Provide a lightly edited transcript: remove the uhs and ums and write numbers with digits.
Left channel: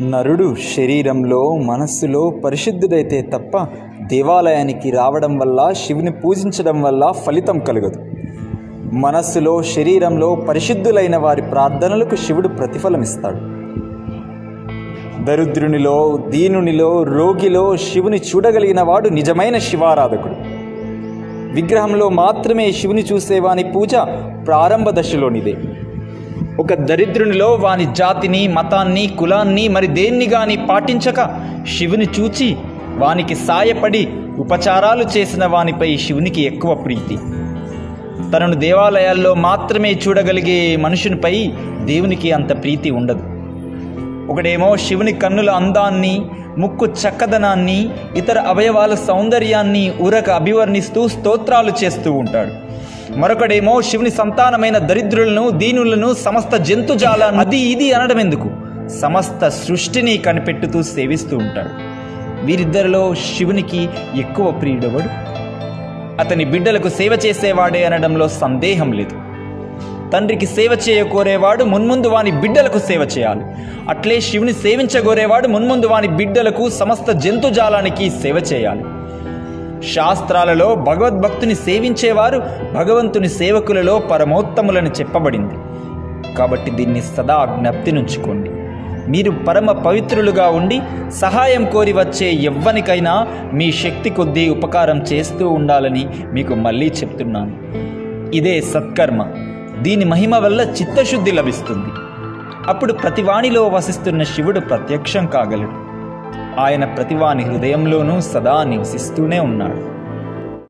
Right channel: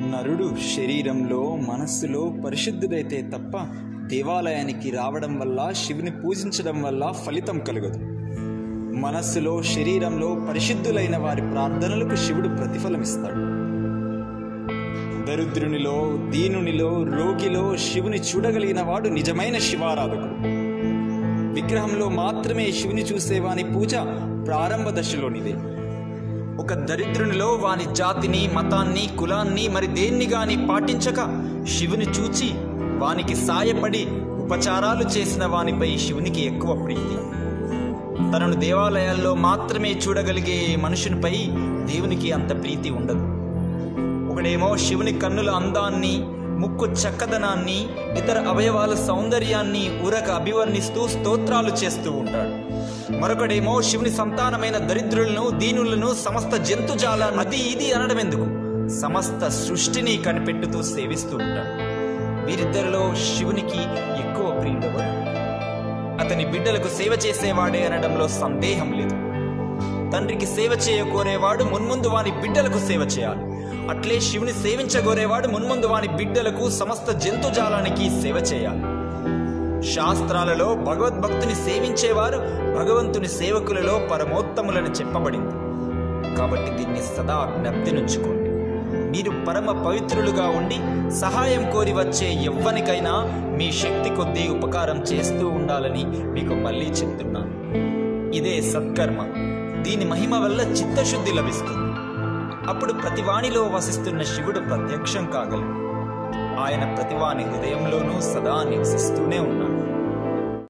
నరుడు శరీరంలో మనస్సులో పరిశుద్ధుడైతే తప్ప దేవాలయానికి రావడం వల్ల శివుని పూజించడం వల్ల ఫలితం కలగదు. మనస్సులో శరీరంలో పరిశుద్ధులైన వారి ప్రార్థనలకు శివుడు ప్రతిఫలమిస్తాడు. దరిద్రునిలో దీనునిలో రోగిలో శివుని చూడగలిగిన వాడు నిజమైన శివారాధకుడు. విగ్రహంలో మాత్రమే శివుని చూసేవాని పూజ ప్రారంభ దశలోనిదే. ఒక దరిద్రునిలో వాని జాతిని మతాన్ని కులాన్ని మరి దేన్ని గాని పాటించక శివుని చూచి వానికి సాయపడి ఉపచారాలు చేసిన వానిపై శివునికి ఎక్కువ ప్రీతి. తనను దేవాలయాల్లో మాత్రమే చూడగలిగే మనుషునిపై దేవునికి అంత ప్రీతి ఉండదు. ఒకడేమో శివుని కన్నుల అందాన్ని, ముక్కు చక్కదనాన్ని, ఇతర అవయవాల సౌందర్యాన్ని ఊరక అభివర్ణిస్తూ స్తోత్రాలు చేస్తూ ఉంటాడు. మరొకడేమో శివుని సంతానమైన దరిద్రులను, దీనులను, సమస్త జంతుజాలాన్ని అది ఇది అనడం ఎందుకు, సమస్త సృష్టిని కనిపెట్టుతూ సేవిస్తూ ఉంటాడు. వీరిద్దరిలో శివునికి ఎక్కువ ప్రియుడెవడు? అతని బిడ్డలకు సేవ చేసేవాడే అనడంలో సందేహం లేదు. తండ్రికి సేవ చేయకోరేవాడు మున్ముందు వాని బిడ్డలకు సేవ చేయాలి. అట్లే శివుని సేవించగోరేవాడు మున్ముందు వాని బిడ్డలకు, సమస్త జంతుజాలానికి సేవ చేయాలి. శాస్త్రాలలో భగవద్భక్తుని సేవించేవారు భగవంతుని సేవకులలో పరమోత్తములని చెప్పబడింది. కాబట్టి దీన్ని సదా జ్ఞప్తి నుంచుకోండి. మీరు పరమ పవిత్రులుగా ఉండి సహాయం కోరి వచ్చే ఎవ్వనికైనా మీ శక్తి కొద్దీ ఉపకారం చేస్తూ ఉండాలని మీకు మళ్ళీ చెప్తున్నాను. ఇదే సత్కర్మ. దీని మహిమ వల్ల చిత్తశుద్ధి లభిస్తుంది. అప్పుడు ప్రతివానిలో వసిస్తున్న శివుడు ప్రత్యక్షం కాగలడు. ఆయన ప్రతివాని హృదయంలోనూ సదా నివసిస్తూనే ఉన్నాడు.